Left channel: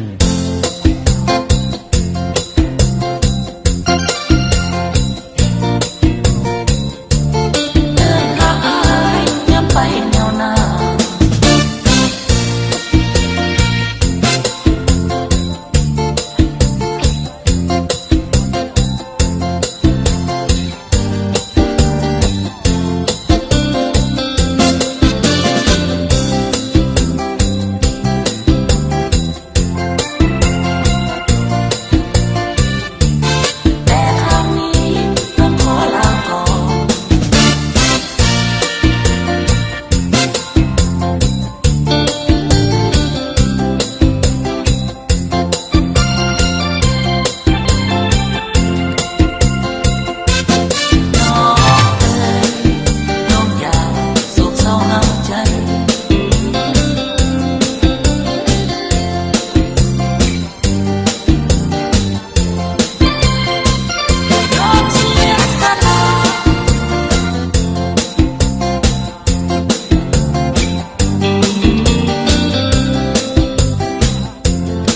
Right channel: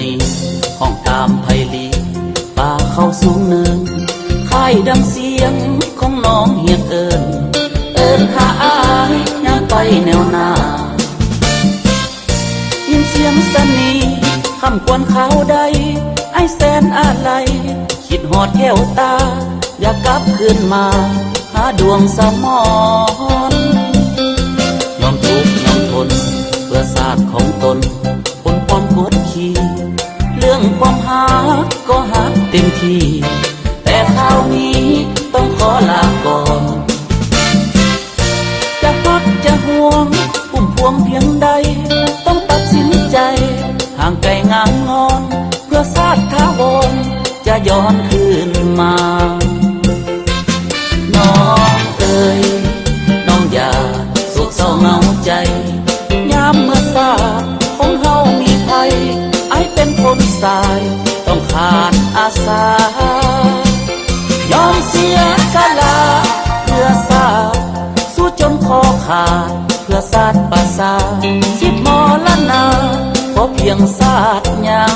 นีของตามไพลีป่าเข้าสูงเนินค่ายดังเสียงของน้องเฮียงเอิญหาอายงานไปแนวหน้ายินเสียงสนีคำควรเขาใดไอแสนอะไรคิดหอดแก้วตาอยากกลับคืนมาหาดวงสมรยอมทุกข์ยอมทนเพื่อศาสตร์ของตนบนความกดขี่เรื่องความหาก็หาเต็มที่แต่คราวนี้ต้องขอลาก่อนจะพักจะห่วงพุ่มพวงเพียงใดต้องตัดสินใจห่างไกลงานงอนเพื่อศาสตร์ถาวรจะย้อนคืนมาน้องเอ๋ยน้องอย่าสุขเศร้าเหงาใจยามเมื่อศาสตร์ของเฮามีภัยไอเป็นคนสายต้องขาดอาสายอมเสียสละเพื่อศาสตร์สู้จนคอขาดเพื่อศาสตร์ประสาทสิมรณาขอเพียงศาสตร์ยัง